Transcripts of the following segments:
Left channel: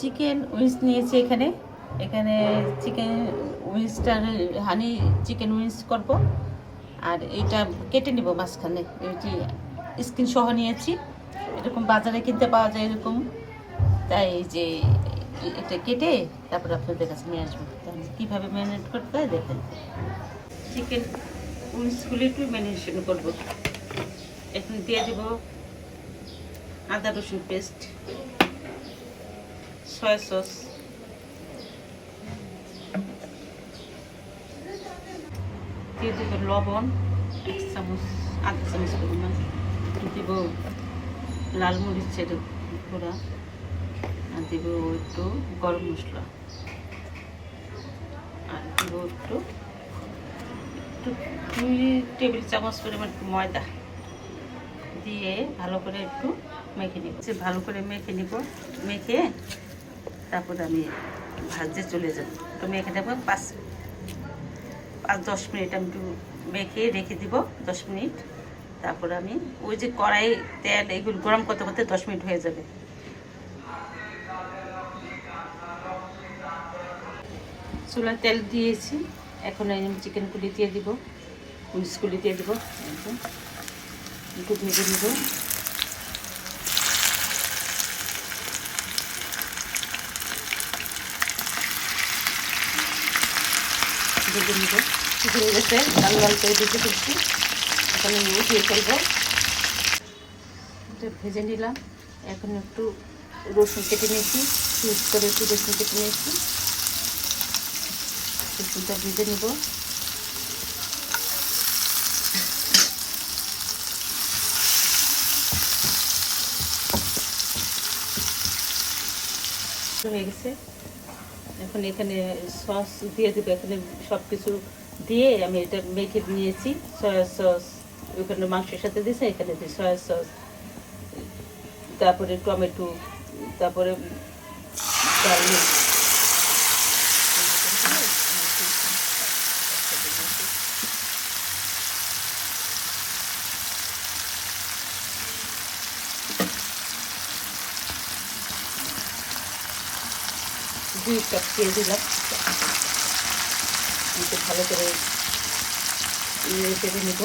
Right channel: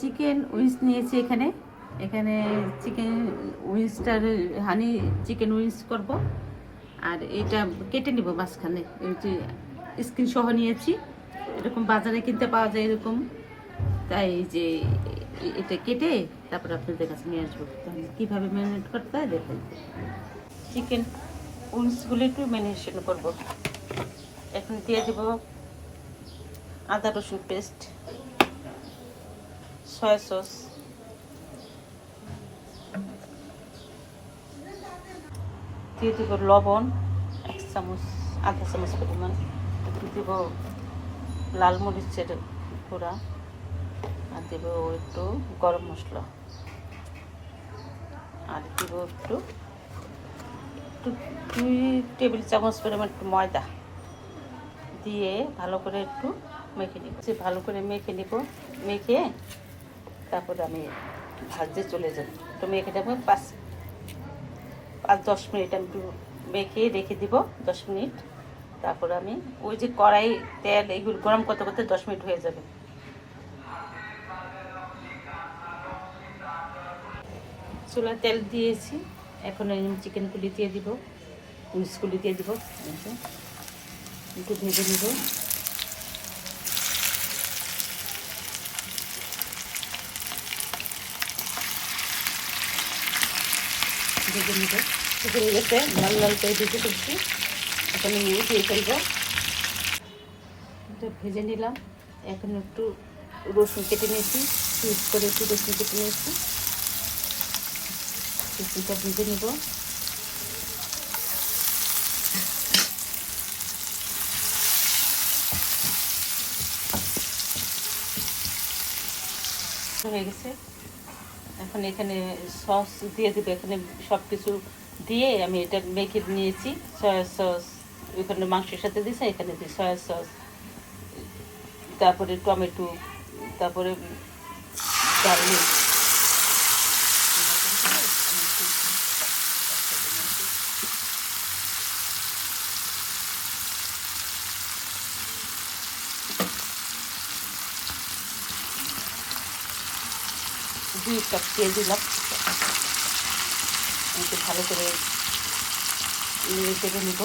Chicken wings নিয়েছি এখানে এখানে চিকেন উইংসটার হানি চিকেন উইংস করব। আর এটা কেটে নিব মাঝখানে, এটি স্কিন সহ নিয়েছি। এরকম বাজারে কিনতে পাওয়া যায় এরকম, তাই যে এটা কেটে তারপর আপনাদের কাছে নিয়ে আসবো। তাহলে কীভাবে ম্যারিনেট করতে হয় দেখে চিকেন উইংসগুলো একটু ম্যারিনেশন করবো। এখন দিয়ে দেব আদা রসুন পেস্ট, সয়া সস, দিয়ে দেবো লবণ 1 চামচ, আধা চামচ পরিমাণ, দেব লাল মরিচের গুঁড়া, আর দেব একটু গরম মশলা, আর দেব একটু 2 টেবিল চামচ পরিমাণ ময়দা দিয়ে ভালো করে একটু মেখে নিব। ভালো করে মেখে নিব, মেখে তারপর আমি ভাজতে চলে যাব। একটু মেখে দেবো 5-10 মিনিট আমি একটু মেখে রেখে দিব, 10 মিনিট। তারপর আমি ওই যে কড়াই তেল এগুলো গরম করতে করতে 10 মিনিট হয়ে যাবে। চুলায় তেল দিয়েছি, এখন আমি চিকেনগুলি দিয়ে দিব, উইংসগুলি দিয়ে দিব, একটু ভেজে নিব। ভেজে নিব, হয়ে গেছে, লাল লাল করে ভেজে ফেলছি। এখন আমি উঠিয়ে ফেলবো। এটা ভেজে নিলাম। এখন একটু রসুন কেটে নিয়েছি, পিস করে একটু রসুন কেটে নিয়েছি, রসুনটা ভেজে নিব। হয়ে গেছে, এখন এখানে সস দিয়ে দেবো। এখানে সব কিছু দিয়ে আমি এটা মেখে নিয়েছি। সয়া সস ওখানে মাংসের সাথে দিয়েছে, এখানে দিই সয়া সস, তারপরে টমেটো, তারপরে গার্লিক, দুই কাপ তেল দিলাম। ভালো করে কেটে নিব।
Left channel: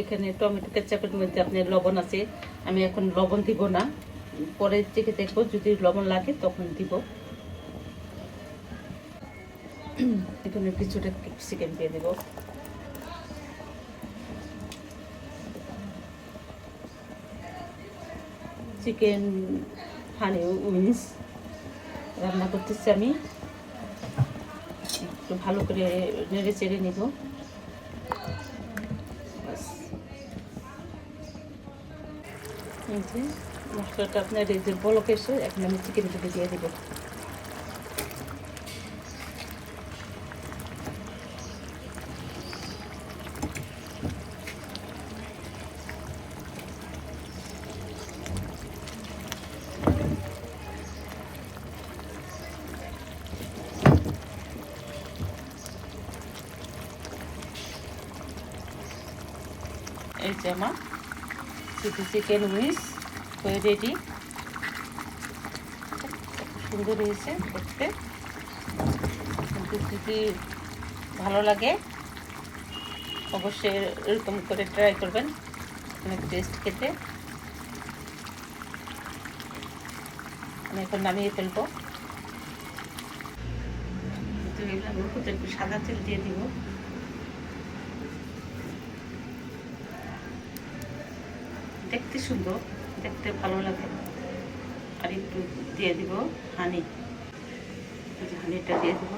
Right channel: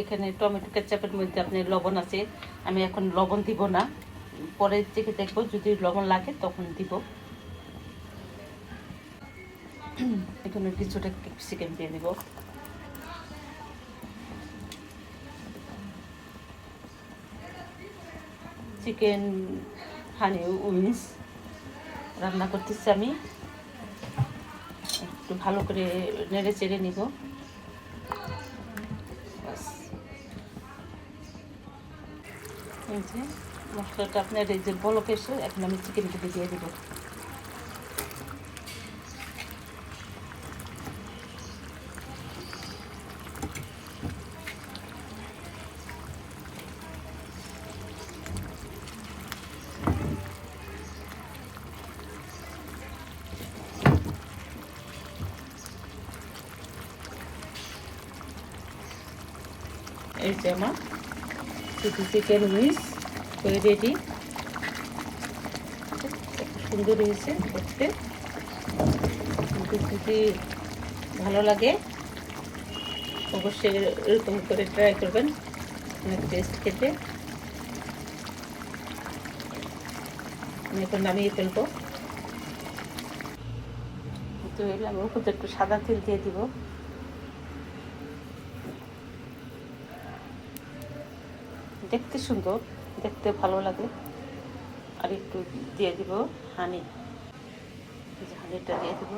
এখানে টমেটো কেচাপের মধ্যে আপনার লবণ আছে, আমি এখন লবণ দিব না, পরে থেকে দেখবো যদি লবণ লাগে তখন দিব। এখানে কিছুটা ক্যাপসিকাম দিয়ে দেব। চিকেন হানি উইংস রান্না করতেছি আমি, একটু ভালো করে নেড়ে চেড়ে নিব। মশলাটা আপনার এই যে বলক এসে এখন আমি চিকেনগুলো দিয়ে দেবো। এই যে আমার চিকেন উইংস হয়ে রেডি, সুন্দর হয়েছে দেখতে। যদি ভালো লাগে অবশ্যই এরকম করে ট্রাই করবেন, অনেক টেস্ট খেতে। আমি এখন নামিয়ে ফেলবো। তো এগুলো আমি উপরে একটু সাদা তেল দিয়ে দিব। দেখতে সুন্দর, দেখতে ভালো লাগে। আর একটু দিয়ে দিব হানি, হানিটা দিয়ে দিব।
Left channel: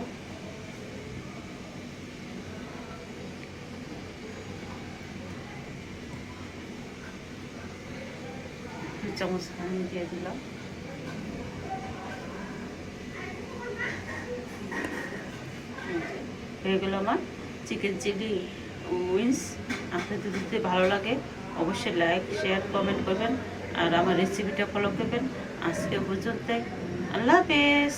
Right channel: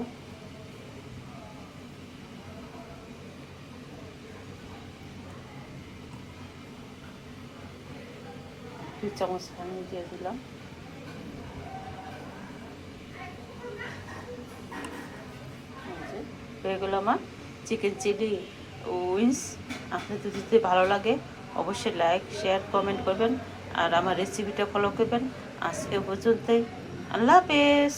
2 চামচ হানি দিয়ে দিলাম। হয়ে গেল আমার চিকেন চিলি উইংস। আপনাদের যদি ভালো লাগে অবশ্যই লাইক শেয়ার কমেন্ট করবেন, আর আমার রেসিপিটা ফলো করবেন। আজকে পর্যন্তই, আল্লাহ হাফেজ।